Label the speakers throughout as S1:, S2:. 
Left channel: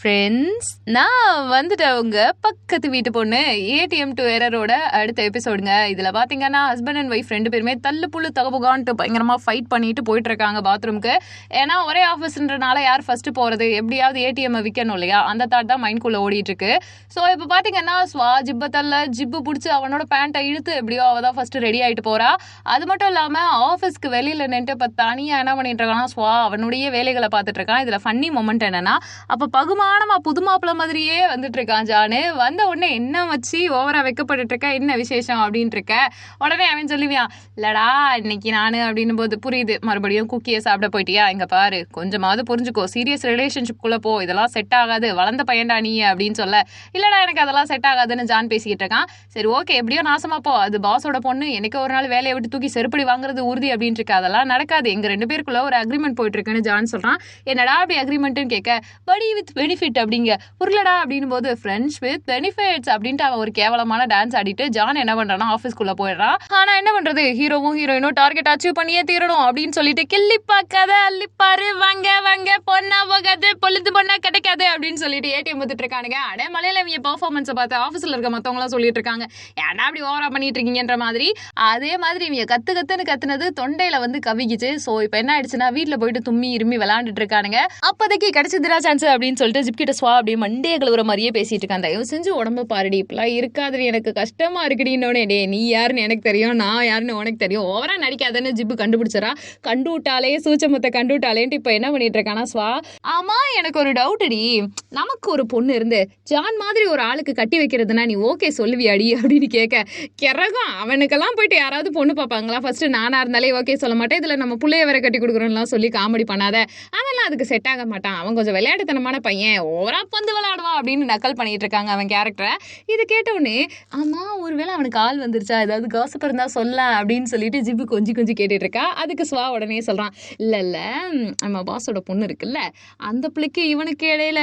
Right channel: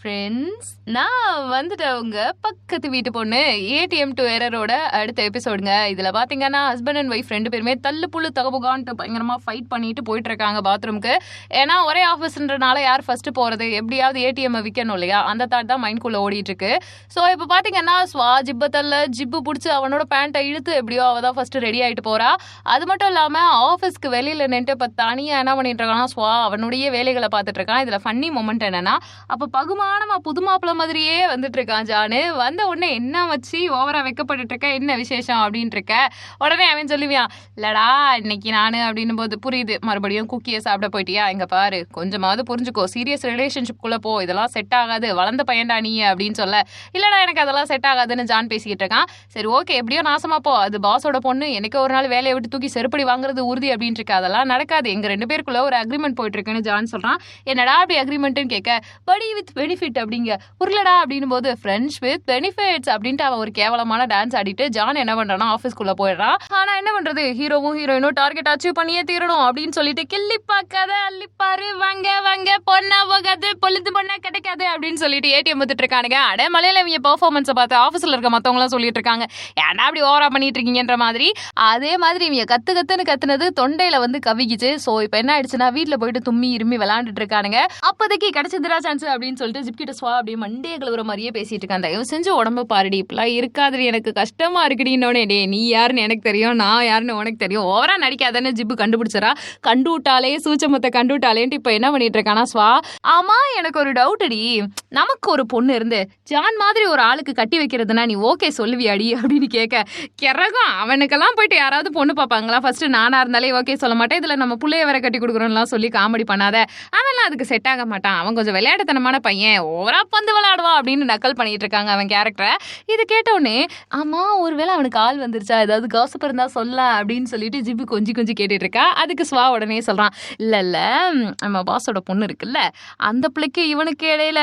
S1: Friends நான் வந்துட்டேன் அவங்க பக்கத்து வீட்டு பொண்ணு. ஏடிஎம் டு எரரோட அடுத்த எபிசோடுங்க இதில் பார்த்தீங்கன்னா ஹஸ்பண்ட் அண்ட் ஒய்ஃப் ரெண்டு பேருமே தள்ளு புல்லு தகபுகான்ட்டு பயங்கரமாக ஃபைட் பண்ணிட்டு போயிட்டு இருக்காங்க பாத்ரூம்க்கு ஏன்னா ஒரே ஆஃபீஸ்ன்றனால யார் ஃபர்ஸ்ட் போகிறது எப்படியாவது ஏடிஎம்மை விற்கணும் இல்லையா? அந்த தாட் தான் மைண்ட்குள்ளே ஓடிட்டு இருக்கு ஸோ இப்போ பார்த்தீங்கன்னா ஸ்வா ஜிப்பை தள்ள ஜிப்பு பிடிச்சி அவனோட பேண்ட்டை இழுத்து எப்படியோ அவள் தான் ஃபர்ஸ்ட் ரெடி ஆகிட்டு போறா. அது மட்டும் இல்லாமல் ஆஃபீஸ்க்கு வெளியில் நின்று இப்போ தனியாக என்ன பண்ணிட்டு இருக்கான்னா ஸ்வா அவனுடைய வேலைகளை பார்த்துட்டு இருக்கான். இதில் ஃபன்னி மொமெண்ட் என்னன்னா அப்போ நிதானமா புது மாப்பிள்ள மாதிரியே வந்துட்டு இருக்கான் ஜானு. வந்த உடனே என்ன வச்சு ஓவரா வைக்கப்பட்டு இருக்க என்ன விசேஷம்? அப்படின்ட்டு இருக்க உடனே அவன் சொல்லுவியான் இல்லடா இன்னைக்கு நானு அப்படின்னும் போது புரியுது மறுபடியும் குக்கியை சாப்பிட போயிட்டியா? இங்க பாரு கொஞ்சமாவது புரிஞ்சுக்கோ. சீரியஸ் ரிலேஷன்ஷிப்குள்ள போ இதெல்லாம் செட் ஆகாது. வளர்ந்த பையன்டா நீ அப்படின்னு சொல்ல. இல்லடா எனக்கு அதெல்லாம் செட் ஆகாதுன்னு ஜான் பேசிக்கிட்டு இருக்கான். சரி ஓகே எப்படியோ நாசமா போ. அது பாஸோட பொண்ணு எனக்கு ஒரு நாள் வேலையை விட்டு தூக்கி செருப்படி வாங்குறது உறுதி அப்படின்ட்டு இருக்கு அதெல்லாம் நடக்காது. எங்க ரெண்டு பேருக்குள்ள ஒரு அக்ரிமெண்ட் போயிட்டு இருக்குன்னு ஜான் சொல்றான். என்னடா அப்படி அக்ரிமெண்ட்னு கேட்க? படி வித் பெனிஃபிட் அப்படிங்க. புரியலடா அப்படின்னும் போது ஃப்ரெண்ட்ஸ் வித் பெனிஃபிட்ஸ் அப்படின்ட்டு அவன் ஒரு கேவலமான டான்ஸ் ஆடிட்டு ஜான் என்ன பண்றானா ஆஃபீஸ்க்குள்ள போயிடுறான். ஆனா என்ன பண்றது? ஹீரோவும் ஹீரோயினும் டார்கெட் அச்சீவ் பண்ணியே தீரணும் அப்படின்னு சொல்லிட்டு கிள்ளி பார்க்காத அள்ளிப்பாரு வாங்க வாங்க பொண்ணா போகாது பொழுது பொண்ணா கிடைக்காது அப்படின்னு சொல்லிட்டு ஏடிஎம் வந்துட்டு இருக்கானுங்க. அட மலையில இவங்க பெர்ஃபார்மன்ஸை பார்த்து ஆஃபீஸில் இருக்க மற்றவங்களாம் சொல்லிட்டு இருக்காங்க. ஏன்னா அப்படி ஓவரா பண்ணிட்டு இருக்கீங்கன்ற மாதிரி? அதே மாதிரி இவங்க கத்து கத்துன்னு கத்துனது தொண்டையில வந்து கவிக்குச்சு. ஸோ இப்போ என்ன ஆயிடுச்சுன்னா வீட்டில் போயிட்டு தும்மி இருமி விளாண்டுட்டு இருக்கானுங்க. அப்போதைக்கு கிடைச்சதுரா சான்ஸ் அப்படின்னு சொல்லிட்டு ஜிப்கிட்ட சுவா அப்படியே மண்டே கழுவுற மாதிரியே பேசிட்டு இருக்கான். தயவு செஞ்சு உடம்பு பாருடி இப்பெல்லாம் இருக்காது எனக்கு கஷ்டமா இருக்குடின்னோடனே டே நீ யாருன்னு எனக்கு தெரியும் நான் யாருன்னு உனக்கு தெரியும். ஓவரா நடிக்காதன்னு ஜிப்பு கண்டுபிடிச்சரா கண்டு விட்டாலே சூச்சமத்தை கண்டு விட்டாலேன்ட்டு இப்போ என்ன பண்ணிட்டு இருக்கானா சுவா? ஆமா எனக்கு ஒரு டவுட் அடி நமக்கு ஒரு பொண்ணு இருந்து ஜான் மாதிரி ஒரு ஆளுக்கு கட்டி வைக்கிறதுனா நீ ஓகே சொல்லுவியாடி அப்படின்னு கேட்க கிறகம் அவனுக்கெல்லாம் போயிட்டு யாராவது பொண்ணு பார்ப்பாங்களா? ஃபர்ஸ்ட் நானா இருந்தாலே ஓகே சொல்ல மாட்டேன். இதுல நம்ம பிள்ளைய வேற கட்டி கொடுக்குறோம்லாம் சொல்லி காமெடி பண்ணாத. அவன்லாம் அதுக்கு செட் ஆக மாட்டான். அவன் கொஞ்சம் விளையாட்டுத்தனமான பையன். ஓவரா பந்து விளையாடுவான் அப்படின்னு நக்கல் பண்ணிட்டு இருக்காங்க அவன் கேரக்டரை இது கேட்டவுடனே ஆமா ஒருவேளை அவனுக்கு ஆள் வந்துருச்சா? ஏதாவது காசப் இருந்தா சொல்ல அப்படின்னு சொல்லிட்டு ஜிப்பு கொஞ்சி கொஞ்சி கேட்டுட்டு இருக்கா. அதுக்கு ஸ்வா உடனே சொல்றான் இல்ல இல்ல நம்ம பாஸோட பொண்ணு இருக்குல்ல அந்த பிள்ளைக்கு இவனுக்கு இடையில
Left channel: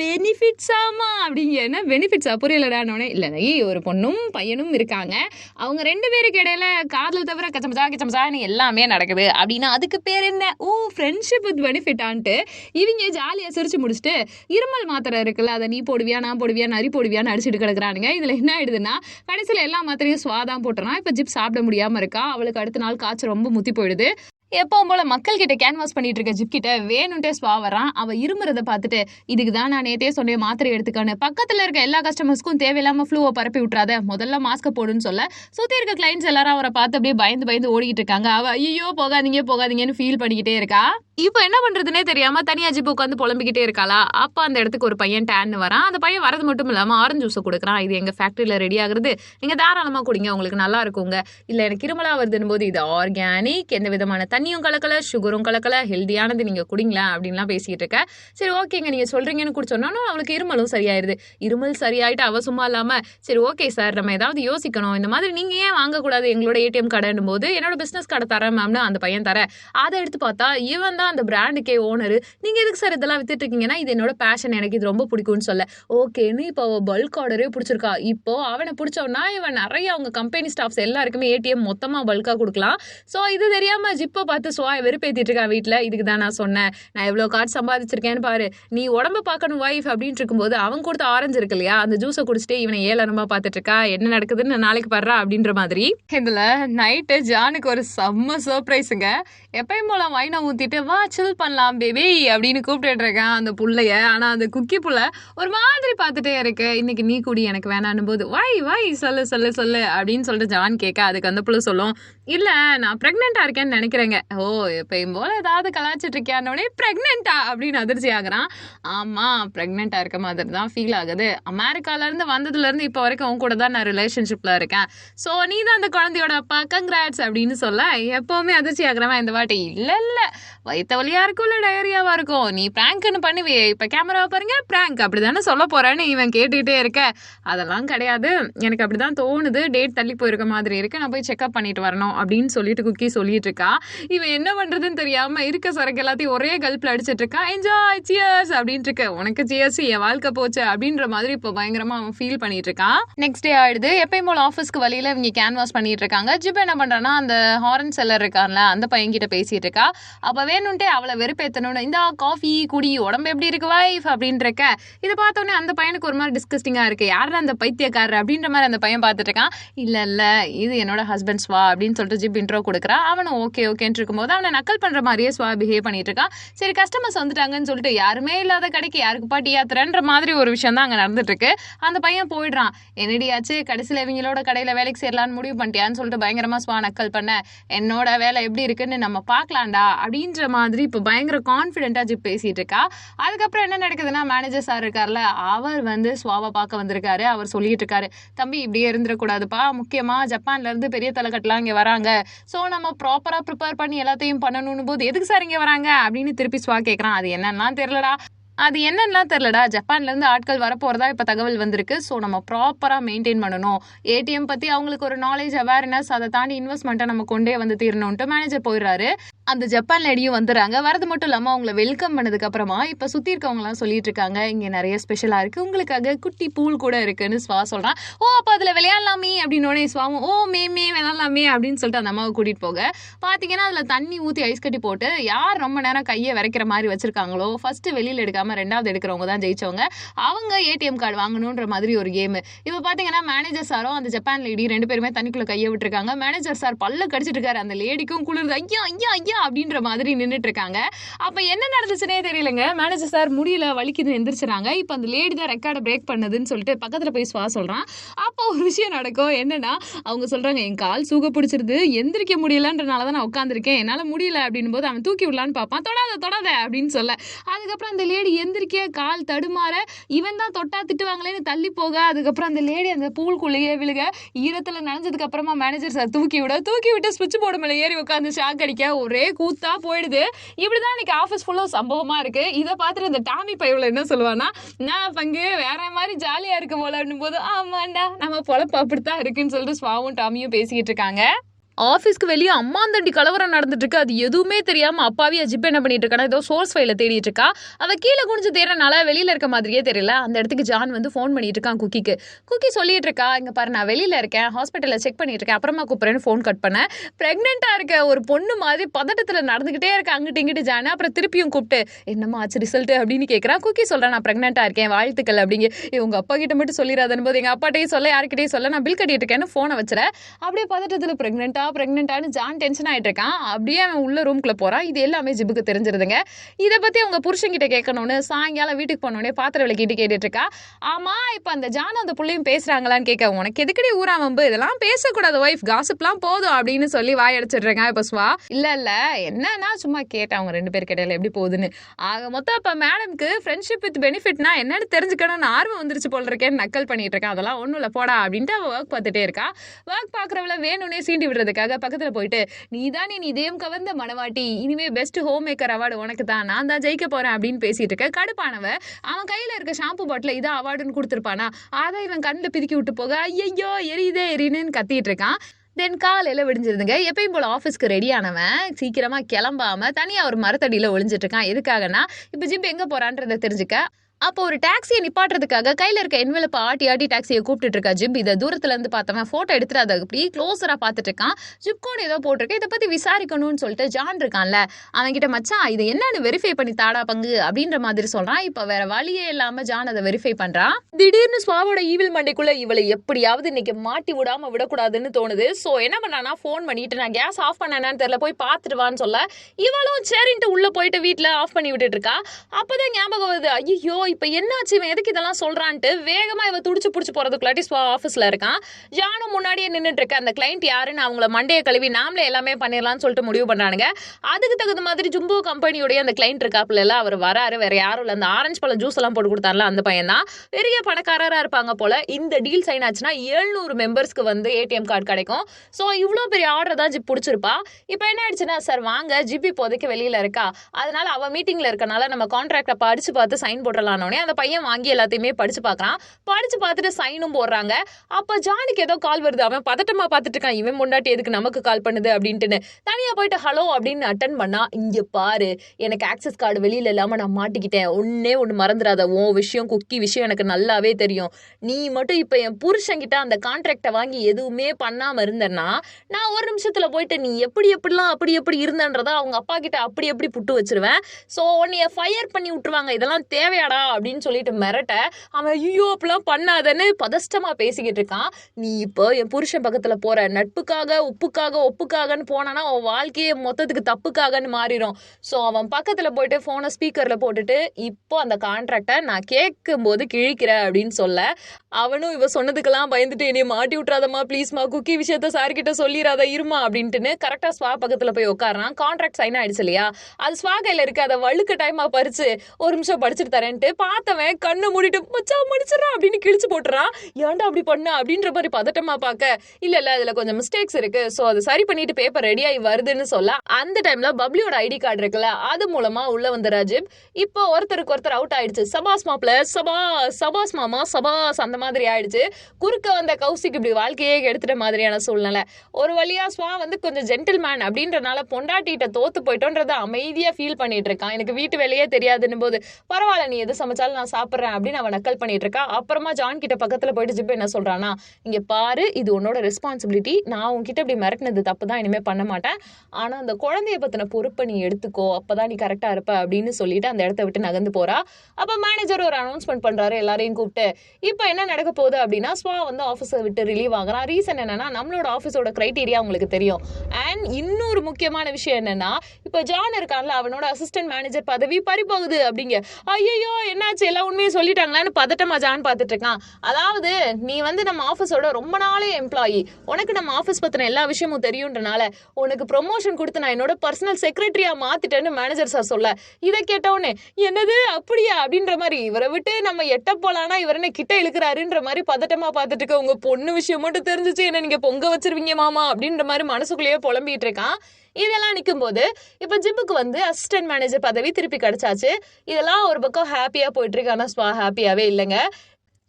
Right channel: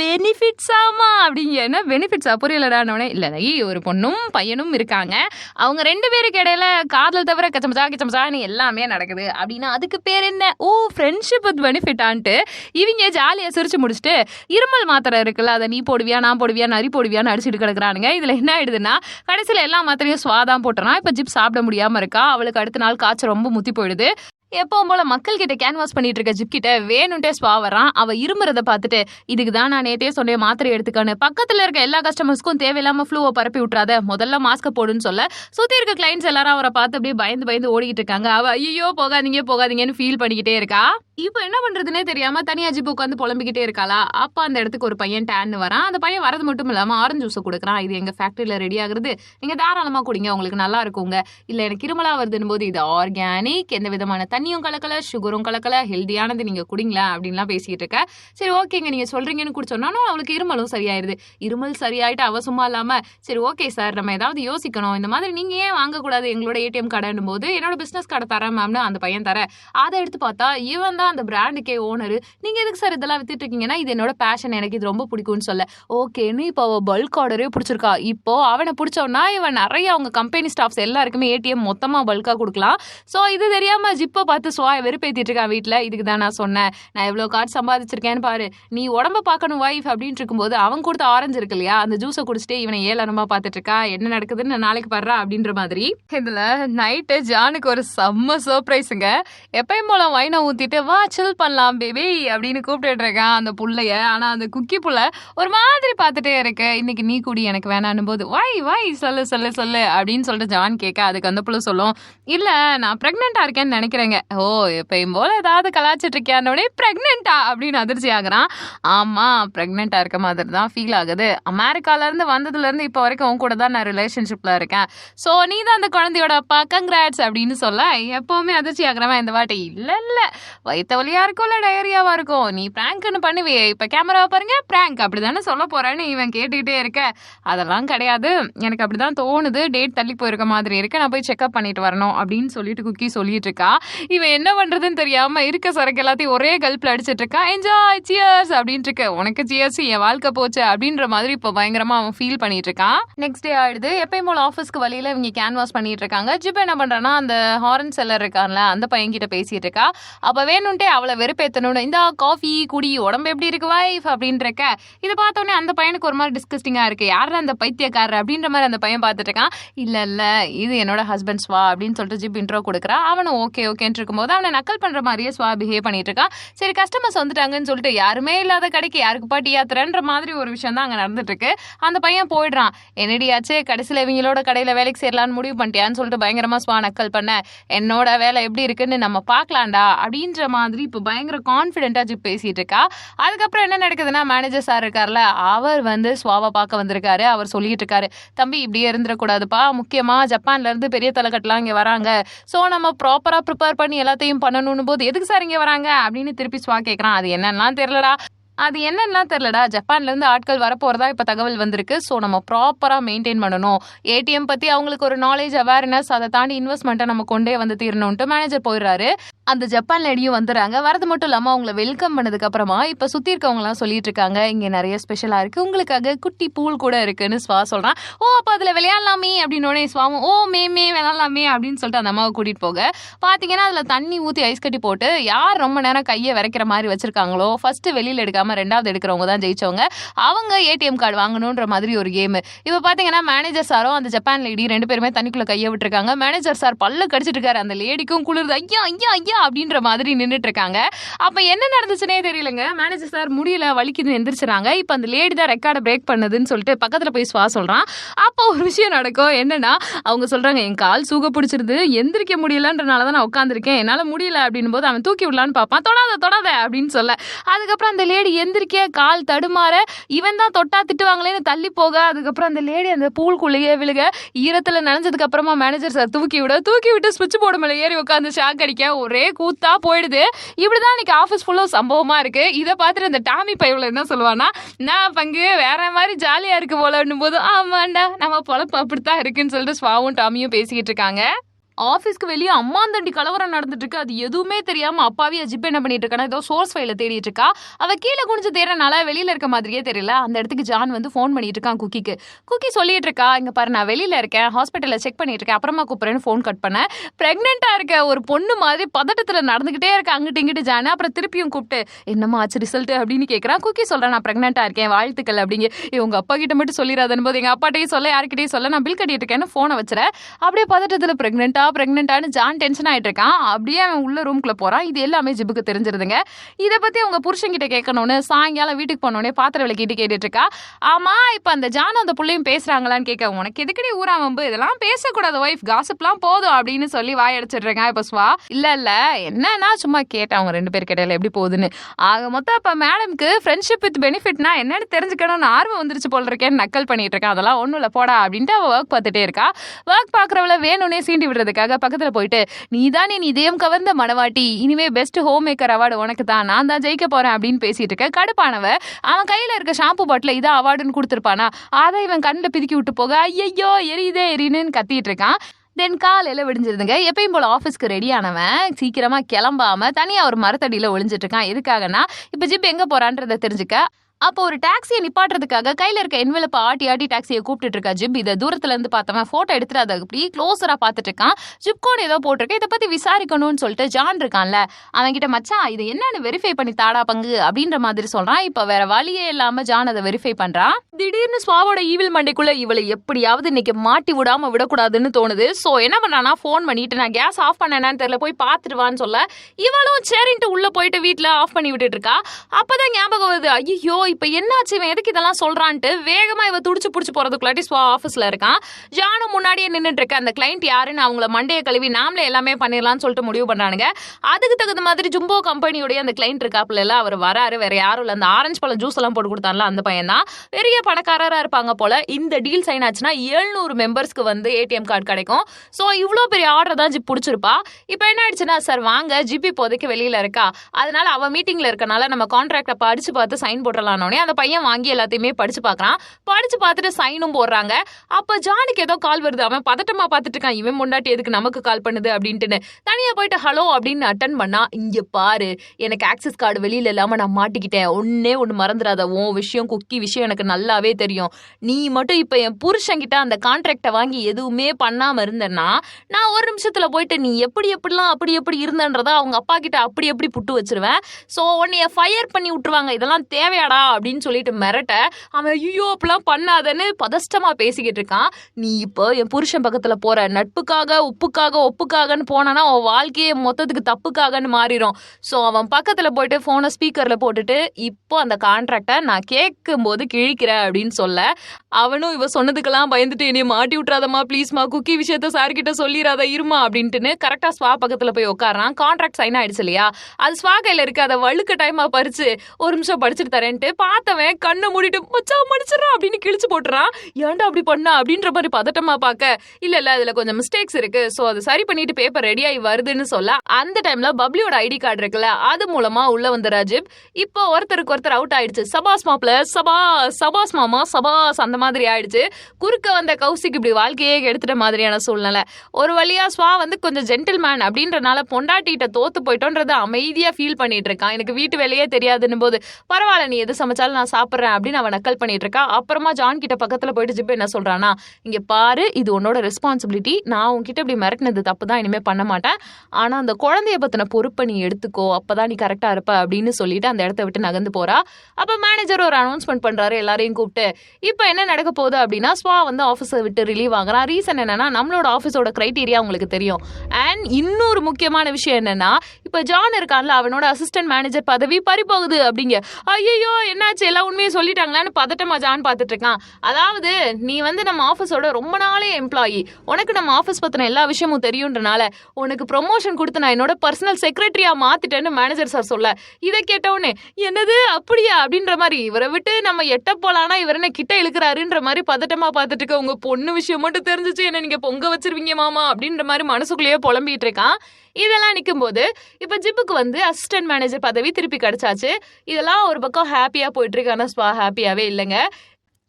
S1: பெனிஃபிட்ஸ் ஆமா? அப்படிங்க என்ன பெனிஃபிட்ஸா புரியலடானோடனே இல்லை ஒரு பொண்ணும் பையனும் இருக்காங்க. அவங்க ரெண்டு பேருக்கு இடையில காதல் தவிர கச்சமச்சா கச்சமச்சான்னு எல்லாமே நடக்குது. அப்படின்னா அதுக்கு பேர் என்ன? ஓ ஃப்ரெண்ட்ஷிப் வித் பெனிஃபிட்டான்ட்டு இவங்க ஜாலியாக சிரிச்சு முடிச்சுட்டு இருமல் மாத்திரை இருக்குல்ல அதை நீ போடுவியா நான் போடுவியா நரி போடுவியான்னு அடிச்சுட்டு கிடக்குறானுங்க. இதில் என்ன ஆயிடுதுன்னா கடைசியில் எல்லா மாத்திரையும் சுவாதான் போட்டுறான் இப்போ ஜிப் சாப்பிட முடியாமல் இருக்கா? அவளுக்கு அடுத்த நாள் காய்ச்சல் ரொம்ப முத்தி போயிடுது. எப்பவும் போல மக்கள் கிட்ட கேன்வாஸ் பண்ணிட்டு இருக்க ஜிப்கிட்ட வேணும்ட்டே ஸ்வா வரான் அவ இருமுறத பார்த்துட்டு இதுக்கு தான் நான் நேத்தே சொன்னேன் மாத்திரை எடுத்துக்கான்னு. பக்கத்துல இருக்க எல்லா கஸ்டமர்ஸ்க்கும் தேவையில்லாம ஃப்ளூவை பரப்பி விட்றாத முதல்ல மாஸ்க போடுன்னு சொல்ல சுத்தி இருக்க கிளைண்ட்ஸ் எல்லாரும் அவரை பார்த்து அப்படியே பயந்து பயந்து ஓடிக்கிட்டு இருக்காங்க. அவ ஐயோ போகாதீங்க போகாதீங்கன்னு ஃபீல் பண்ணிக்கிட்டே இருக்கா? இப்போ என்ன பண்றதுனே தெரியாம தனியா ஜிப்பு உட்காந்து புலம்பிக்கிட்டே இருக்காளா? அப்ப அந்த இடத்துக்கு ஒரு பையன் டேன்னு வரான் அந்த பையன் வரது மட்டும் இல்லாம ஆரஞ்சு ஜூஸை கொடுக்குறான். இது எங்க ஃபேக்டரியில ரெடி ஆகுறது. நீங்க தாராளமா குடிங்க உங்களுக்கு நல்லா இருக்குங்க. இல்ல எனக்கு இருமலா வருதுன்னு போது இது ஆர்கானிக் எந்த விதமான தண்ணியும் கலக்கல சுகரும் கலக்கல ஹெல்தியானது நீங்கள் குடிங்களா அப்படின்லாம் பேசிக்கிட்டு இருக்கேன் சரி ஓகேங்க நீங்கள் சொல்கிறீங்கன்னு குடிச்சோன்னாலும் அவளுக்கு இருமலும் சரியாயிருது. இருமல் சரியாயிட்டு அவ சும்மா சரி ஓகே சார் நம்ம ஏதாவது யோசிக்கணும். இந்த மாதிரி நீங்கள் ஏன் வாங்கக்கூடாது? எங்களோட ஏடிஎம் கடைன்னும் போது என்னோட பிஸ்னஸ் கடை தரேன் மேம்னு அந்த பையன் தர அதை எடுத்து பார்த்தா இவன் தான் அந்த பிராண்டுக்கே ஓனர் நீங்கள் எதுக்கு சார் இதெல்லாம் வித்துட்டு இருக்கீங்கன்னா இது என்னோட பேஷன் எனக்கு இது ரொம்ப பிடிக்கும்னு சொல்ல. ஓகேன்னு இப்போ பல்க் ஆர்டரே பிடிச்சிருக்கா. இப்போ அவனை பிடிச்சோன்னா இவன் நிறைய அவங்க கம்பெனி ஸ்டாஃப்ஸ் எல்லாருக்குமே ஏடிஎம் மொத்தமாக பல்காக கொடுக்கலாம். ஸோ இது தெரியாமல் ஜிப்பை பார்த்து சுவா வெறுப்பேற்றிட்டு இருக்கான் வீட்டில் இதுக்கு தான் நான் சொன்னேன். நான் எவ்வளோ கார்டு சம்பாதிச்சிருக்கேன்னு பாரு. நீ உடம்ப பார்க்கணும் வைஃப் அப்படின்ட்டு இருக்கும்போது அவன் கொடுத்த ஆரஞ்சு இருக்கு இல்லையா? அந்த ஜூஸை குடிச்சிட்டு இவனை ஏளனமா பார்த்துட்டு இருக்கா என்ன நடக்குதுன்னு நான் நாளைக்கு பாடுறா அப்படின்ற மாதிரி. இதில் நைட்டு ஜானுக்கு ஒரு செம்ம சர்ப்ரைஸுங்க எப்பயும் போல வைனை ஊற்றிட்டு வா சில் பண்ணலாம் பேபி அப்படின்னு கூப்பிட்டு இருக்கான் அந்த புள்ளைய. ஆனால் அந்த குக்கி புள்ள ஒரு மாதிரி பார்த்துட்டே இருக்கு. இன்னைக்கு நீ கூடி எனக்கு வேணான்னு போது வை வாய் சொல்லு சொல்லு சொல்லு அப்படின்னு சொல்லிட்டு ஜான் கேட்க அதுக்கு அந்த புள்ள சொல்லும். இல்லை நான் ப்ரெக்னெண்ட்டாக இருக்கேன்னு நினைக்கிறேங்க. ஓ எப்பயும் போல் ஏதாவது கலாச்சிட்டு இருக்கியானோடனே பிரெக்னெண்டா அப்படின்னு அதிர்ச்சி ஆகுறான். ஆமாம் ப்ரெக்னெண்ட்டாக இருக்க மாதிரி தான் ஃபீல் ஆகுது. அமெரிக்கால வந்ததுலேருந்து இப்போ வரைக்கும் உன் கூட தான் நான் ரிலேஷன்ஷிப்பில் இருக்கேன். ஸோ நீ தான் அந்த குழந்தையோட அப்பா. கங்க்ராட்ஸ் அப்படின்னு சொல்ல எப்போவுமே அதிர்ச்சி ஆகுறவன் இந்த வாட்டி இல்லை இல்லை. வயித்த வழியாக இருக்கும் இல்லை டயரியாவாக இருக்கும். நீ ப்ராங்க்னு பண்ணுவியே. இப்போ கேமராவை பாருங்க. அப்படி தானே சொல்ல போகிறேன்னு இவன் கேட்டுக்கிட்டே இருக்க. அதெல்லாம் கிடையாது. எனக்கு அப்படி தான் தோணுது. டேட் தள்ளி போயிருக்க மாதிரி இருக்கு. நான் போய் செக்அப் பண்ணிட்டு வரணும் அப்படின்னு சொல்லிட்டு குக்கி சொல்லிட்டு இருக்கா. இவன் என்ன பண்றதுன்னு தெரியாம இருக்க சரக்கு எல்லாத்தையும் ஒரே கல்ப்ல அடிச்சிட்டு இருக்கா? என்ஜாய் சியர்ஸ் அப்படின்ட்டு இருக்க. உனக்கு சியர்ஸ் என் வாழ்க்கை போச்சு அப்படின்ற மாதிரி இப்போ பயங்கரமா அவன் ஃபீல் பண்ணிட்டு இருக்கான். நெக்ஸ்ட் டே ஆயிடுது. எப்பயும் போல ஆஃபீஸ்க்கு வழியில இவங்க கேன்வாஸ் பண்ணிட்டு இருக்காங்க. ஜிப் என்ன பண்றான்னா அந்த ஹாரன் செல்லர் இருக்கான்ல அந்த பையன் கிட்ட பேசிட்டு இருக்கா. அப்ப வேணும்ட்டே அவளை வெறுப்பேத்தணும்னு இந்த காஃபி குடி உடம்பு எப்படி இருக்கு வைஃப் அப்படின்றக்க இதை பார்த்தோன்னே அந்த பையனுக்கு ஒரு மாதிரி டிஸ்கஸ்டிங்கா இருக்கு. யாரா அந்த பைத்தியக்காரர்? அப்படின்ற மாதிரி அந்த பையன் பார்த்துட்டு இருக்கான். இல்ல இல்ல இது என்னோட ஹஸ்பண்ட்ஸ் வா? அப்படின்னு சொல்லிட்டு ஜிப் இன்ட்ரோ கொடுக்குறா. அவனும் ஓகே ஓகேன்னு இருக்கும்போது அவனை நக்கல் பண்ற மாதிரியே ஸ்வா பிஹேவ் பண்ணிட்டு இருக்கான் சரி கஸ்டமர்ஸ் வந்துட்டாங்கன்னு சொல்லிட்டு யாருமே இல்லாத கடைக்கு யாருக்கு பாட்டி யாத்திரன்ற மாதிரி ஒரு விஷயம் தான் அங்கே நடந்துட்டு இருக்கு அந்த பையன் போயிடுறான். என்னடியாச்சு கடைசியில் இவங்களோட கடையில் வேலைக்கு சேரலான்னு முடிவு பண்ணிட்டியான்னு சொல்லிட்டு பயங்கரமாக ஸ்வா நக்கல் பண்ண. என்னோட வேலை எப்படி இருக்குன்னு நம்ம பார்க்கலாம்டா அப்படின்ற மாதிரி இப்போ பயங்கர கான்ஃபிடென்ட்டாக ஜிப் பேசிட்டு இருக்கா அதுக்கப்புறம் என்ன நடக்குதுன்னா மேனேஜர் சார் இருக்கார்ல அவர் வந்து ஸ்வாவை பார்க்க வந்திருக்காரு. அவர் சொல்லிட்டு இருக்காரு தம்பி இப்படியே இருந்துடக்கூடாதுப்பா. முக்கியமாக ஜப்பான்ல இருந்து பெரிய தலைக்கட்டுலாம் இங்கே வராங்க. ஸோ நம்ம ப்ராப்பராக ப்ரிப்பேர் பண்ணி எல்லாத்தையும் பண்ணணும்னு போது எதுக்கு சார் இங்கே வராங்க? அப்படின்னு திருப்பி சுவா கேட்குறான் அது என்னென்னலாம் தெரியலடா. அது என்னென்னலாம் தெரிலடா ஜப்பான்லேருந்து ஆட்கள் வரப்போகிறதா இப்போ தகவல் வந்திருக்கு. ஸோ நம்ம ப்ராப்பராக மெயின்டைன் பண்ணணும். ஏடிஎம் பற்றி அவங்களுக்கு ஒரு நாலேஜ் அவேர்னஸ் அதை தாண்டி இன்வெஸ்ட்மெண்ட்டை நம்ம கொண்டே வந்து தீரணுன்ட்டு மேனேஜர் போயிடுறாரு. அந்த ஜப்பான் லேடியும் வந்துடுறாங்க வரது மட்டும் இல்லாமல் அவங்கள வெல்கம் பண்ணதுக்கு அப்புறமா இப்போ சுற்றி இருக்கவங்களாம் சொல்லிட்டு இருக்காங்க. இங்கே நிறைய ஸ்பெஷலாக இருக்குது உங்களுக்காக குட்டி பூல் கூட இருக்குன்னு ஸ்வா சொல்கிறான் ஓ அப்போ அதில் விளையாடலாமே? அப்படின்னு ஸ்வாவும் ஓ மே மே விளையாடலாமே அப்படின்னு சொல்லிட்டு அந்த அம்மாவை கூட்டிகிட்டு போக. பார்த்தீங்கன்னா அதில் தண்ணி ஊற்றி ஐஸ் கட்டி போட்டு யார் ரொம்ப நேரம் கையை விரைக்கிற மாதிரி வச்சுருக்காங்களோ ஃபஸ்ட்டு வெளியில் எடுக்காமல் ரெண்டாவது எடுக்கிறவங்க தான் ஜெயிச்சவங்க. அவங்க ஏடிஎம் கார்டு வாங்கணுன்ற மாதிரி ஒரு கேம் இப்போ பார்த்தீங்கன்னா மேனேஜர் சாரும் அந்த ஜப்பான் லேடி ரெண்டு பேருமே தண்ணிக்குள்ளே கையை விட்டுருக்காங்க. மேனேஜர் சார் பல்ல கடிச்சிட்டு இருக்காரு. அந்த லேடிக்கும் குளிருது. ஐயா ஐயா ஐயா அப்படின்ற மாதிரி நின்றுட்டு இருக்காங்க அப்போ என்ன நடந்துச்சுனே தெரியலங்க. மேனேஜர் சார் முடியல வலிக்குது எந்திரிச்சுறாங்க. இப்போ அந்த லேடி தான் ரெக்கார்டை பிரேக் பண்ணுதுன்னு சொல்லிட்டு பக்கத்தில் போய் சுவா சொல்கிறான் அப்போ ஒரு விஷயம் நடக்கும். என்னன்னா அவங்க சொல்கிறாங்க என் கால் சூக பிடிச்சிருது. எந்திரிக்க முடியலன்றனால தான் நான் உட்காந்துருக்கேன் என்னால் முடியல. அப்படின்னும் போது அவன் தூக்கி விடலான்னு பார்ப்பான். தொடாத தொடாத அப்படின்னு சொல்ல. அதுக்கப்புறம் அந்த லேடி எந்திரிக்க கால் தடுமாற இவன் தான் தொட்டா திட்டுவாங்களேன்னு தள்ளி போக. அதுக்கப்புறம் அந்த லேடி அந்த பூல்குள்ளேயே விழுக. ஈரத்தில் நனைஞ்சதுக்கு அப்புறமா மேனேஜர் சார் தூக்கி விட தூக்கி விட்டு சுவிட்ச் போர்டு மேலே ஏறி உட்காந்து ஷாக் அடிக்க ஒரே கூத்தா போயிடுது. இப்படிதான் இன்னைக்கு ஆஃபீஸ் ஃபுல்லாக சம்பவமா இருக்கு. இதை பார்த்துட்டு இந்த டாமி பைவில் என்ன சொல்லுவான்னா நான் பங்கு வேற மாதிரி ஜாலியா இருக்கு போலன்னும் போது ஆமாண்டா நம்ம பொழப்பு அப்படித்தான் இருக்குன்னு சொல்லிட்டு ஸ்வாவும் டாமியும் பேசிக்கிட்டு இருக்காங்க. ஆஃபீஸ்க்கு வெளியே அம்மாந்தண்டி கலவரம் நடந்துட்டு இருக்கு அது எதுவுமே தெரியாம அப்பாவி அஜிப் என்ன பண்ணிட்டு இருக்கானா? ஏதோ சோர்ஸ் ஃபைல தேடிட்டு இருக்கா? அவ கீழே குனிஞ்சு தேடுறனால வெளியில இருக்க மாதிரியே தெரியல. அந்த இடத்துக்கு ஜான் வந்து ஃபோன் பண்ணிட்டு இருக்கான் குக்கிக்கு. குக்கி சொல்லிட்டு இருக்கா இங்க பாரு நான் வெளியில இருக்கேன். ஹாஸ்பிட்டல்ல செக் பண்ணிட்டு இருக்கேன். அப்புறமா கூப்பிடுறேன்னு ஃபோன் கட் பண்ணேன் பிரெக்னெண்டா இருக்க ஒரு பொண்ணு மாதிரி பதட்டத்துல நடந்துகிட்டே இருக்க. அங்கிட்டு இங்கிட்டு ஜானு. அப்புறம் திருப்பியும் கூப்பிட்டு என்னம்மா ஆச்சு ரிசல்ட் அப்படின்னு கேட்கறான் குக்கி சொல்றேன் நான் பிரெக்னெண்டா இருக்கேன். வாழ்த்துக்கள் அப்படிங்க. "ஏய், உங்க அப்பா கிட்ட மட்டும் சொல்லிடாதன்னு போது எங்க அப்பாட்டையும் சொல்ல யார்கிட்டயும் சொல்ல நான் பில் கட்டிட்டு இருக்கேன்னு ஃபோனை வச்சுறேன் அப்படியே பதட்டத்துல பிரெக்னெண்டா ப்ரெக்னென்ட்டானு ஜான் டென்ஷன் ஆகிட்டு இருக்கான் அப்படியே அவன் உள்ள ரூம்குள்ளே போகிறான் இது எல்லாமே ஜிப்புக்கு தெரிஞ்சிருதுங்க. இதை பற்றி அவங்க புருஷன்கிட்ட கேட்கணும்னு சாயங்காலம் வீட்டுக்கு போனோடனே பாத்திரம் விளக்கிட்டு கேட்டுட்டு இருக்கா. ஆமா இப்போ அந்த ஜானும் அந்த புள்ளையும் பேசுகிறாங்களான்னு கேட்க உனக்கு எதுக்கடி ஊரா வம்பு? இதெல்லாம் பேசக்கூடாது ஒய்ஃப் காசுப்லாம் போதும் அப்படின்னு சொல்லி வாய் அடிச்சிடுறேங்க இப்போ ஸ்வா இல்லை இல்லை. என்னன்னா சும்மா கேட்டேன் அவங்க ரெண்டு பேர் கிடையில எப்படி போகுதுன்னு. ஆக மொத்தம் இப்போ மேடம்க்கு ஃப்ரெண்ட்ஷிப் வித் பெனிஃபிட்னா என்னன்னு தெரிஞ்சுக்கணும்னு ஆர்வம் வந்துருச்சு போல் இருக்கேன்னு நக்கல் பண்ணிட்டு இருக்கேன் அதெல்லாம் ஒன்றும் இல்லை போடா அப்படின்ட்டு அவள் ஒர்க் பார்த்துட்டே இருக்கா. ஒர்க் பார்க்குறவள வேணும்னே சீண்டி அதுக்காக பக்கத்தில் போயிட்டு நீ தான் என் இதயம் கவர்ந்த மனவாட்டி இனிமே பெஸ்ட் ஹோம் மேக்கர் அவார்டு உனக்கு தான் நான் தான் ஜெயிக்க போறேன் அப்படின்னு பேசிட்டு இருக்க கடுப்பானவன் அவன் கையில் இருக்க ஷாம்பு பாட்டில் இதான் அவார்டுன்னு கொடுத்துருப்பானா? அதை இவன் கண்ணில் பிதுக்கி விட்டு போக ஐயையோ எரியுதே எரியுன்னு கத்திட்டு இருக்கான். தென் காலையில் விடிஞ்சிருந்துங்க. எப்பயும் போல் ஆஃபீஸ்க்கு ரெடி ஆனவன் சீக்கிரமாக கிளம்பாம தனியாக ஒரு மரத்தடியில் ஒளிஞ்சிட்டு இருக்கான். எதுக்காகனா இப்போ ஜிப் எங்கே போகிறான்றதை தெரிஞ்சுக்க அப்போ ஒரு டாக்ஸியை நிப்பாட்டுறதுக்காக கையில் இருக்க என்வெலப்பை ஆட்டி ஆட்டி டாக்ஸியை கூப்பிட்டு இருக்கா ஜிப். இதை தூரத்துல இருந்து பார்த்தவன் ஃபோட்டோ எடுத்துட்டு அதை அப்படி க்ளோஸராக பார்த்துட்டு இருக்கான் ஜிப் கோன் ஏதோ போட்டிருக்கு. இதை பற்றி விசாரிக்கணும்னு சொல்லிட்டு ஜான் இருக்கான்ல அவன்கிட்ட மச்சான் இது என்னன்னு வெரிஃபை பண்ணி தாடா பங்கு அப்படின்ற மாதிரி சொல்றான். இப்போ வேற வழியே இல்லாம ஜான் அதை வெரிஃபை பண்றான். திடீர்னு ஸ்வாவோட ஈவில் மண்டைக்குள்ள இவளை எப்படியாவது இன்னைக்கு மாட்டி விடாம விடக்கூடாதுன்னு தோணுது. ஸோ என்ன பண்றானா ஃபோன் பண்ணிட்டு நான் கேஸ் ஆஃப் பண்ணேனான்னு தெரியல போய் பார்த்துட்டு வான்னு சொல்ல. இவளும் சரின்ட்டு உள்ள போயிட்டு வீட்டில் ஆஃப் பண்ணி விட்டுட்டு இருக்கா அப்பதான் ஞாபகம் வருது ஐயோ இப்போ என்னாச்சு? இவன் எதுக்கு இதெல்லாம் சொல்றான்ட்டு வேகமா இவ துடிச்சு பிடிச்சி போறதுக்குள்ளாட்டி ஸ்வா ஆஃபீஸ்ல இருக்கான். ஜானும் முன்னாடியே நின்றுட்டு இருக்க அந்த கிளைண்ட் யாருன்னு அவங்கள மண்டையை கழுவி நாமளே எல்லாமே பண்ணிடலாம்னு சொல்லிட்டு முடிவு பண்ணானுங்க. அதுக்கு தகுந்த மாதிரி ஜும்போ கம்பெனியுடைய அந்த கிளைண்ட் இருக்காப்புல எல்லாம் அவர் வராரு. வேற யாரும் இல்லை. அந்த ஆரஞ்சு பழம் ஜூஸ் எல்லாம் போட்டு கொடுத்தாருல அந்த பையன் தான் பெரிய பணக்காரரா இருப்பாங்க போல. இந்த டீல் சைன் ஆச்சுன்னா எழுநூறு மெம்பர்ஸ்க்கு வந்து ஏடிஎம் கார்டு கிடைக்கும். ஸோ இவ்வளோ பெரிய ஆர்டர் தான் ஜிப் பிடிச்சிருப்பா. இப்போ என்ன ஆயிடுச்சுன்னா சார் வாங்க. ஜிபி இப்போதைக்கு வெளியில இருக்கா? அதனால அவள் மீட்டிங்ல இருக்கனால நம்ம கான்ட்ராக்டை படிச்சு பார்த்து சைன் போட்டுடலாம் கொடுறானோடனே அந்த பையன் வாங்கி எல்லாத்தையுமே படிச்சு பார்க்குறான் படிச்சு பார்த்துட்டு சைனும் போடுறாங்க. அப்போ ஜானுக்கு ஏதோ கால் வருது. அவன் பதட்டமாக பார்த்துட்டு இருக்கான். இவன் முண்டாட்டி எதுக்கு நமக்கு கால் பண்ணுது அப்படின்ட்டுன்னு. தனியாக போயிட்டு ஹலோ அப்படின்னு அட்டன் பண்ணா இங்கே பாரு. எனக்கு ஆக்சஸ் கார்டு வெளியில் இல்லாமல் நான் மாட்டிக்கிட்டேன். ஒன்னே ஒன்று மறந்துடாத. உன் விஷயம் குக்கி விஷயம் எனக்கு நல்லாவே தெரியும். நீ மட்டும் இப்போ என் புருஷங்கிட்ட அந்த கான்ட்ராக்டை வாங்கி எதுவுமே பண்ணாமல் இருந்தேன்னா நான் ஒரு நிமிஷத்தில் போயிட்டு நீ எப்படி எப்படிலாம் அப்படி எப்படி இருந்தன்றதை அவங்க அப்பா கிட்ட அப்படி எப்படி புட்டு வச்சிருவேன்? ஸோ உன்னைய ஃபயர் பண்ணி விட்டுருவாங்க. இதெல்லாம் தேவையாடா அப்படின்னு சொல்லிட்டு மிரட்ட அவன் ஐயோ அப்பெல்லாம் பண்ணாதன்னு பதஷ்டமா பேசிக்கிட்டு இருக்கான். நீ இப்போ என் புருஷன் பக்கத்துல போற நட்புக்காக உப்புக்காக ஒப்புக்காகன்னு போனானா அவன் வாழ்க்கையே மொத்தத்துக்கு தப்புக்காகன்னு மாறிடும் ஸோ அவன் பக்கத்துல போயிட்டு ஃபோனை ஸ்பீக்கர்ல போட்டுட்டு இப்போ அந்த கான்ட்ராக்டை நான் கேட்கும் போது கிழிக்கிறேன் அப்படின்னு சொல்ல அவனும் இவ சொன்னதுக்கெல்லாம் பயந்துட்டு என்னைய மாட்டி விட்றாதம்மா ப்ளீஸ்மா குக்கி விஷயத்த சார்கிட்ட சொல்லிடாத இருமா அப்படின்ட்டுன்னு கரெக்டாக ஸ்வா பக்கத்தில் போய் உட்காரான் கான்ட்ராக்ட் சைன் ஆயிடுச்சு இல்லையா? அது ஸ்வா கையில் இருக்கு. அதை வழுக்க டைமா பறிச்சு ஒரு நிமிஷம் படிச்சுட்டு தரேன்ட்டு பார்த்தவன் கண்ணை மூடிட்டு மச்சா மடிச்சிடறான் அப்படின்னு கிழிச்சு போட்டுறான். ஏன்டா அப்படி பண்ணா? அப்படின்ற மாதிரி பதட்டமா பார்க்க. இல்ல இல்ல அதுல கொஞ்சம் மிஸ்டேக்ஸ் இருக்கு. ஸோ அது சரி பண்ணிட்டு பேப்பர் ரெடி ஆகி வருதுன்னு சொல்ல. அந்த டைம்ல பப்ளியோட ஐடி கார்டு இருக்குல்ல அது மூலமா உள்ள வந்த ராஜீப் இப்போ ஒருத்தருக்கு ஒருத்தர் அவுட் ஆயிடுச்சு. சபாஸ் மாப்ள சபா சபாஸ் மாமா சபாஸ் அந்த மாதிரி ஆயிடுச்சு. குறுக்க வந்த கௌசிக்கு இப்படி வாழ்க்கையே எடுத்துட்ட மாதிரியான சூழ்நிலை. ஒரு வழியா ஸ்வா வந்து கொஞ்சம் ஜென்டில்மேன் அப்படின்றனால பொண்டாட்டிகிட்ட தோத்து போயிட்டோன்றத அமைதியா ஃபீல் பண்ணிட்டு இருக்கான். எனக்கு வீட்டு வேலையே தெரியாதுன்னு போது பரவாயில்ல நீ எது சமைச்சாலும் நான் சாப்பிட்றேன் அப்படின்னு அவன் நக்கல் பண்ணிட்டு இருக்கா. அப்புறமா ஜான் கிட்ட பக்கத்துல போயிட்டு ஜிப் என்ன சொல்றானா இங்க பாரு இது உன்னோட ரெஸ்பான்சிபிலிட்டி நான் உன்கிட்ட இப்படி மிரட்டினது தப்பு தான் இனிமே பண்ண மாட்டேன். ஆனா அந்த குழந்தைய பத்தின பொறுப்பை நீ எடுத்துக்கோ. அப்பதான் நீ கரெக்டா இருப்ப அப்படின்னு சொல்லிட்டு அந்த இடத்த விட்டு நகர்ந்து போறா. அப்ப மேனேஜர் ஒரு அனௌன்ஸ்மெண்ட் பண்றாரு எல்லாரையும் கூப்பிட்டு. இப்போ என்ன நடக்க போகுது அப்படின்னா ஸ்வா வந்து ஆஃபீஸை விட்டு ரிலீவ் ஆகுறான் ரீசன் என்னன்னா நம்மளோட ஆஃபீஸோட க்ரைட்டீரியா உங்களுக்கு தெரியும். அண்ட் இன்னொரு முக்கியமான விஷயம் என்னன்னா இப்போ ஜான் இருக்கான்ல அவனோட அசிஸ்டன்ட் மேனேஜர் பதவி பறி போகுது அப்படிங்க ஐயோ என்னாச்சு? எல்லா உண்மையும் சொல்லிட்டாங்களான்னு பதட்டமா ஜான் பார்த்துட்டு இருக்கான். அதாவது நீ வந்து நம்ம ஆஃபீஸோட ரொம்ப நாளே எம்ப்ளாயி உனக்கு நம்ம ஆஃபீஸ் பத்தின எல்லா விஷயமும் தெரியுன்றனால உனக்கு ப்ரொமோஷன் கொடுத்து நான் என்னோட பர்சனல் செக்ரட்டரியா மாத்திட்டேன்னு மேனேஜர் சார் சொல்ல. இதை கேட்டவுடனே என்னது? அப்படியா? அப்படின்ற மாதிரி இவரை விட்டு நம்ம எட்ட போலானா இவர் என்ன கிட்ட இழுக்கிறாருன்ற மாதிரி பதட்டமா பார்த்துட்டு இருக்க உங்க பொண்ணு விஷயம் மட்டும் தெரிஞ்சிச்சு. என்ன நீங்க பொங்க வச்சிருவீங்க மாமா. அப்படின்ற மாதிரி மனசுக்குள்ளேயே புலம்பிட்டு இருக்கான். இதெல்லாம் நிற்கும்போது இப்போ ஜிப்புக்கு வந்து அசிஸ்டன்ட் மேனேஜர் பதவி திருப்பி கிடைச்சாச்சு. இதெல்லாம் ஒரு பக்கம் ஹாப்பியாக போயிட்டுருக்கு. ஆனால் ஸ்பா ஹாப்பியாகவே இல்லைங்க.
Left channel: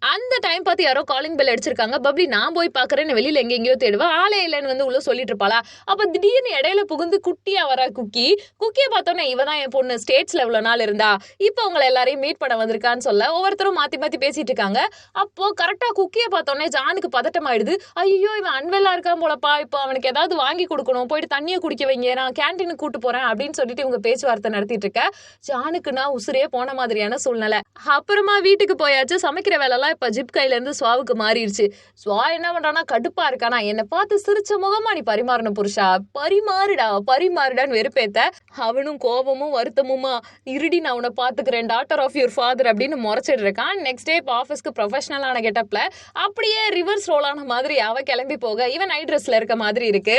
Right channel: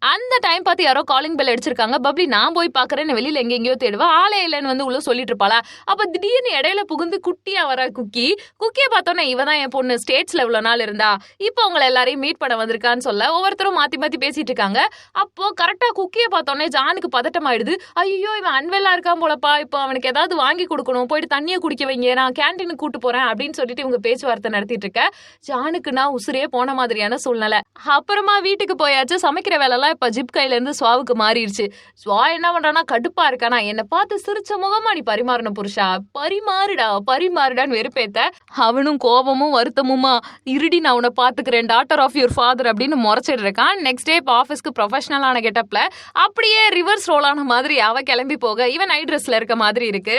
S1: அந்த டைம் பார்த்து யாரோ காலிங் பெல் அடிச்சிருக்காங்க. பப்ளி நான் போய் பார்க்குறேன்னு வெளியில் எங்கெங்கேயோ தேடுவேன் ஆளே இல்லைன்னு வந்து உள்ள சொல்லிட்டு இருப்பாளா? அப்போ திடீர்னு இடையில புகுந்து குட்டியாக வர குக்கி குக்கியை பார்த்தோன்னே இவ தான் என் பொண்ணு ஸ்டேட்ஸில் இவ்வளோ நாள் இருந்தா. இப்போ அவங்கள எல்லாரையும் மீட் பண்ண வந்திருக்கான்னு சொல்ல ஒவ்வொருத்தரும் மாற்றி மாற்றி பேசிட்டு இருக்காங்க. அப்போது கரெக்டாக குக்கியை பார்த்தோன்னே ஜானுக்கு பதட்டமாயிடுது. ஐயோ இவன் அன்வெல்லாக இருக்கான் போலப்பா. இப்போ அவனுக்கு ஏதாவது வாங்கி கொடுக்கணும். போயிட்டு தண்ணியை குடிக்க வைங்க. நான் கேன்டீனுக்கு கூட்டு போகிறேன் அப்படின்னு சொல்லிட்டு இவங்க பேச்சுவார்த்தை நடத்திட்டு இருக்க. ஜானுக்கு நான் உசுரே போன மாதிரியான சூழ்நிலை. அப்புறமா வீட்டுக்கு போயாச்சு. சமைக்கிற வேலைலாம் இப்போ ஜிப் கையிலேருந்து சுவாவுக்கு ஸ்வாவுக்கு மாறிடுச்சு ஸ்வா என்ன பண்றானா கடுப்பா இருக்கானா? என்னை பார்த்து சிரிச்ச முகமா நீ பரிமாறணும் புருஷா. பரிமாறுடா பரிமாறுடான்னு வெறுப்பேத்த. அவனும் கோபமும் வருத்தமுமா? இருடி நான் உன்னை பார்த்துக்கிறேன். டாக்டர் ஆஃப் யுவர் ஃபாதர் அப்படின்னு முறைச்சிட்டு இருக்கான். நெக்ஸ்ட் டே இப்போ ஆஃபீஸ்க்கு ப்ரொஃபஷனலான கெட்டப்பில் அப்படியே ரிவர்ஸ் ரோல் ஆன மாதிரி அவ கிளம்பி போக இவன் நைட் ட்ரெஸ்ல இருக்க மாதிரி இருக்கு.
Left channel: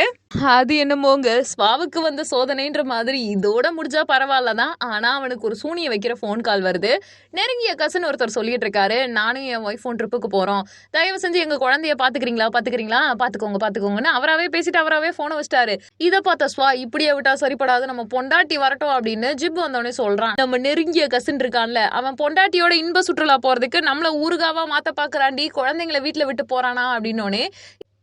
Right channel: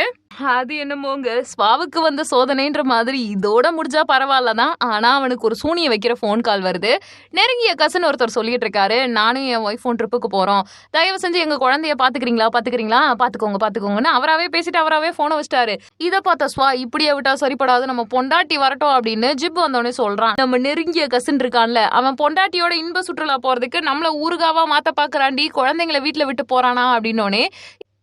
S1: அது என்னமோங்க? ஸ்வாவுக்கு வந்த சோதனைன்ற மாதிரி இதோட முடிஞ்சா பரவாயில்ல தான் ஆனால் அவனுக்கு ஒரு சூனிய வைக்கிற ஃபோன் கால் வருது. நெருங்கிய கசன் ஒருத்தர் சொல்லிட்டு இருக்காரு. நானும் என் ஒய்ஃபோன் ட்ரிப்புக்கு போகிறோம் தயவு செஞ்சு எங்கள் குழந்தைய பார்த்துக்கிறீங்களா பார்த்துக்கிறீங்களா பார்த்துக்கோங்க பார்த்துக்கோங்கன்னு அவராவே பேசிட்டு அவராகவே ஃபோனை வச்சிட்டாரு. இதை பார்த்த ஸ்வா இப்படியே விட்டா சரிப்படாது நம்ம பொண்டாட்டி வரட்டும் அப்படின்னு ஜிப் வந்தோடனே சொல்கிறான் நம்ம நெருங்கிய கசின் இருக்கான்ல அவன் பொண்டாட்டியோட இன்ப சுற்றுலா போகிறதுக்கு நம்மளை ஊருகாவாக மாத்த பார்க்குறாண்டி குழந்தைங்களை வீட்டில் விட்டு போகிறானா அப்படின்னோடனே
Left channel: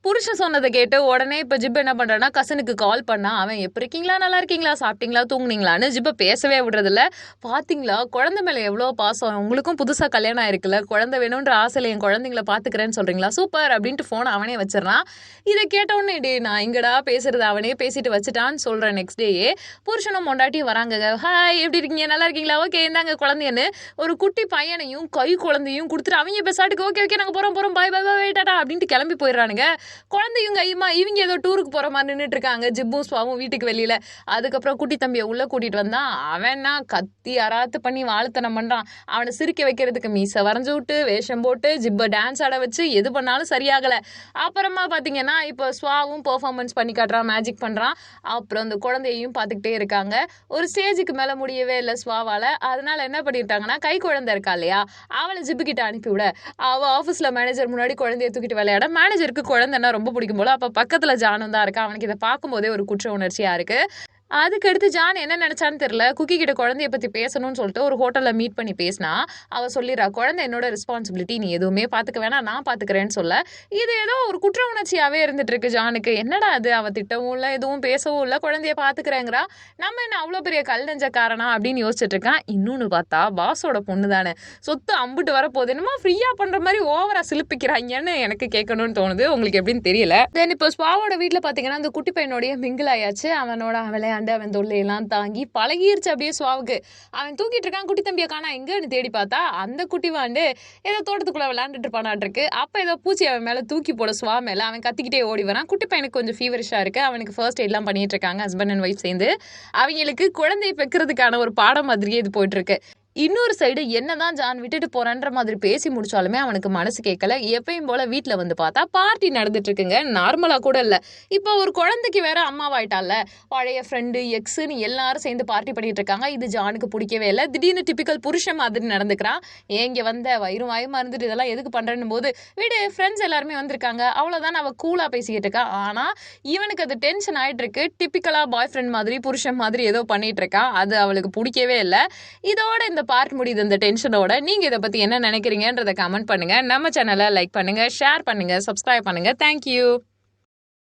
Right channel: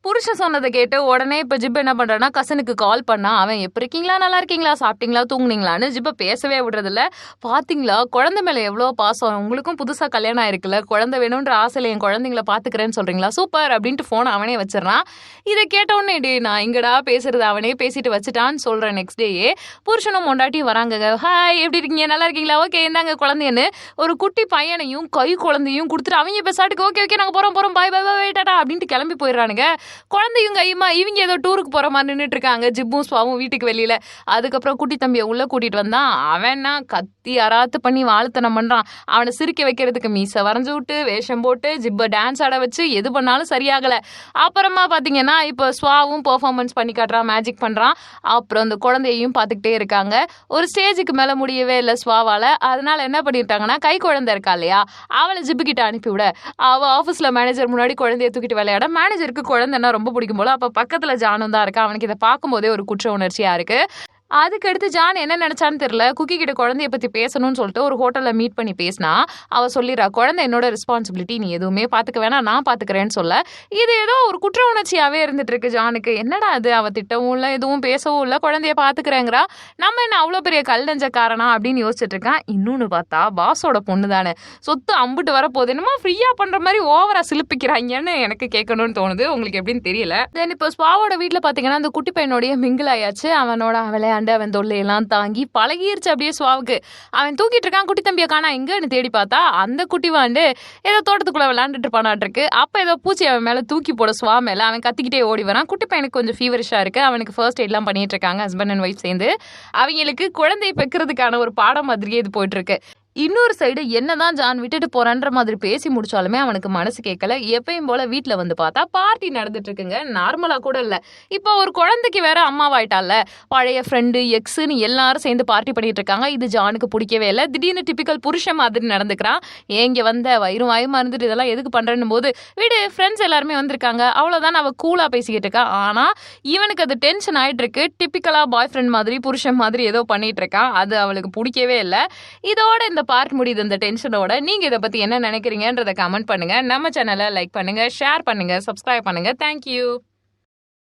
S1: புருஷன் சொன்னதை கேட்டு உடனே இப்போ ஜிப் என்ன பண்ணுறான்னா கசனுக்கு கால் பண்ணா அவன் எப்படி இருக்கீங்களா? நல்லா இருக்கீங்களா? சாப்பிட்டீங்களா? தூங்குனீங்களான்னு ஜிப்பை பேசவே விடுறதில்ல. பார்த்தீங்களா குழந்தை மேலே எவ்வளோ பாசம்? உங்களுக்கும் புதுசாக கல்யாணம் ஆயிருக்குல்ல. குழந்தை வேணுன்ற ஆசையில் என் குழந்தைங்கள பார்த்துக்கிறேன்னு சொல்கிறீங்களா சூப்பர்! அப்படின்ட்டு ஃபோன் அவனே வச்சிடறான். இதை கேட்டவுடனே டே நான் இங்கடா பேசுறது அவனே பேசிட்டு வச்சுட்டான்னு சொல்கிறேன் நெக்ஸ்ட் டேயே புருஷனும் மொண்டாட்டி வராங்க ஹாய் எப்படி இருக்கீங்க? நல்லா இருக்கீங்களா? ஓகே இருந்தாங்க குழந்தைன்னு ஒரு குட்டி பையனையும் கை குழந்தையும் கொடுத்துட்டு அவங்க பெசாட்டுக்கு ஓகே ஓகே நாங்கள் போகிறோம் போகிறோம் பாய் பாய் பாய் டாடா அப்படின்ட்டு கிளம்பி போயிடுறானுங்க. குழந்தையும் கையுமா இவங்க ஏதோ டூருக்கு போகிற மாதிரி நின்றுட்டு இருக்காங்க ஜிப்பும் ஸ்வாவும் வீட்டுக்கு வெளியில். அதுக்கப்புறம் குட்டி தம்பியை உள்ளே கூட்டிகிட்டு வந்தான். அவன்னா கத்தி அராத்து பண்ணி வாழ்த்தனம் பண்ணுறான் அவனை சிரிக்க வைக்கிறதுக்கு மீசை வரைஞ்சி விட்டு வேஷம் போட்டு ஜிப்பை டான்ஸ் ஆட வச்சு எது பண்ணாலும் சரியாகலை. அப்புறமா பார்த்தீங்கன்னா இப்போ ஸ்வாவும் பெர்ஃபார்மன்ஸ் பண்ணி காட்டுறான் மேஜிக் பண்ணுறான் அப்புறம் அந்த குழந்தையையும் பார்த்துக்கிட்டே இருக்காங்க. ஒரு ஸ்டேஜுக்கு மேலே முடியவே இல்லை ஸ்வாவால் அதனால் என்ன பண்ணியிருக்காங்கன்னா கை குழந்தை இருக்கா இல்லையா அவளை ஜிப்பு கிட்ட அனுப்பிவிட அவள் ஆஃபீஸில் மேனேஜர் முன்னாடி குழந்தைய தூக்கிட்டு விளையாட மேனேஜருக்கு குழந்தைன்னா ரொம்ப பிடிக்கும் போல. அப்போ பக்கத்தில் ஜானும் தான் இருக்கா. அவனுக்கு இதை பார்க்கும்போதே ஒரு குற்ற உணர்ச்சியாக இருக்குது அதுக்கடுத்து ஜான் என்ன நினைச்சான்னு தெரியல. குக்கி கிட்ட குழந்தைய பத்தி பேசணும்னு சொல்லிட்டு ஒரு ஹோட்டல்ல மீட் பண்ணி பேசினா அவ சொல்லிடுறா குழந்தை என்னோட ரெஸ்பான்சிபிலிட்டி நீ எதுவுமே பாத்துக்க வேணாம் நான் பாத்துக்கிறேன்னு சொல்ல. இது ஏதோ ஒரு குற்ற உணர்ச்சியாவே இருந்துட்டு இருக்கு ஜானுக்கு. என்னடா அது அவ திட்டவும் இல்லை எதுவும் பேசவும் இல்லை குழந்தைய பாத்துக்கிறேங்கிறா. நம்ம என்ன அவ்வளோ பெரிய கல் நெஞ்சக்காரனா? அப்படின்னு யோசிச்சுட்டு இருக்கான். இன்னொன்னு பார்த்தா பாஸோட பொண்ணு தானே. சொத்து அம்புட்டு வரப்போகுது. என்னமோ ஃப்ரீயா பண்ற மாதிரி ஓவரா சிலுப்பிக்கிறாங்கன்னு எனக்கு கேட்கணும்னு தோணுது. உங்களுக்கு எப்படின்னு தெரியல. தென் இப்போ ஸ்பாவோட வீட்டில் பார்த்தீங்கன்னா அந்த குட்டி பையனோடைய மிங்கிள் ஆயாச்சு. அவனோட விளையாண்டு அவன் தொல்லையெல்லாம் தாங்கி பழகிருச்சு அப்படியே சுவாவுக்கு. அவன் தூக்கிட்டு இருக்கான் குட்டி தம்பியை காணா எங்கன்னு தேடி பார்த்தா அந்த குட்டி வாண்டு ஏதோ தோட்டத்துக்குள்ள விளையாண்டுட்டு இருப்பானாட்டிருக்கு. அப்போ ஏதோ பூச்சி அவன் மேலே தூக்கி போட சுவா மேலே அவன் கத்திக்கிட்டே ஓடி வரான். குட்டி பையனுக்கு கொஞ்சம் ஃபீவரிஷாக இருக்குது அவனுக்கு ஃபர்ஸ்ட் எய்ட்லாம் பண்ணிட்டு இருக்காங்க ஹஸ்பண்ட் அண்ட் ஒய்ஃப் சேர்ந்து. அவங்களுக்கு குழந்தை பெக்கிறதுக்கான ஒரு பாடம் மாதிரியே இது போயிட்டு இருக்கு. இன்னொரு சைடு என்னதான் ஜான் விட்டுட்டு போறான்ற மாதிரி பேசி முடிச்சாலுமே அவனுக்கு மனசு கேட்கல. எப்பயும் போல வீட்டில் வந்து பார்த்தா பார்ட்டி நடந்துட்டு இருக்குங்க நார்மலா கூட இல்ல. இப்போ ஒரு குழந்தைக்கு வேற அம்மாவாயிட்டால பழைய ஃப்ரெண்டு எக்ஸுன்னு எல்லாரும் சேர்ந்து பார்ட்டி பண்ணிட்டு இருக்காங்க இது ஜானுக்கு பிடிக்கவே இல்லை. திடீர்னு டிபிக்கல் புருஷன் மாதிரி நடந்துக்கிறான். ஏங்க வந்த? வயிறும் வாயுமா இருந்துட்டு இதெல்லாம் எதுக்கு பண்றேன்னு போது வீடு ஃப்ரெண்ட்ஸ் எல்லாருமே வந்திருக்காங்க. அவ்வளவுதான் அவ கூலா பேசிக்கிட்டு இருக்கா. ஆனா இவனுக்கு அது டென்ஷன் ஆயிட்டு இருக்கு டிபிக்கலா பாய் ஃப்ரெண்ட் மாதிரி புருஷன் மாதிரி ஏதோ பண்ணிட்டு இருக்கான் அது அவளுக்கு பிடிக்கவே இல்லை. இதோட இந்த பார்ட் முடியுது இந்த டென்ஷனோட நீங்கள் இதை பற்றி என்ன நினைக்கிறீங்கன்றத கமெண்ட் பண்ணுங்க. நம்ம சேனலை லைக் பண்ணுங்கள் ஷேர் பண்ணுங்கள் சப்ஸ்கிரைப் பண்ணுங்க. தேங்க்யூ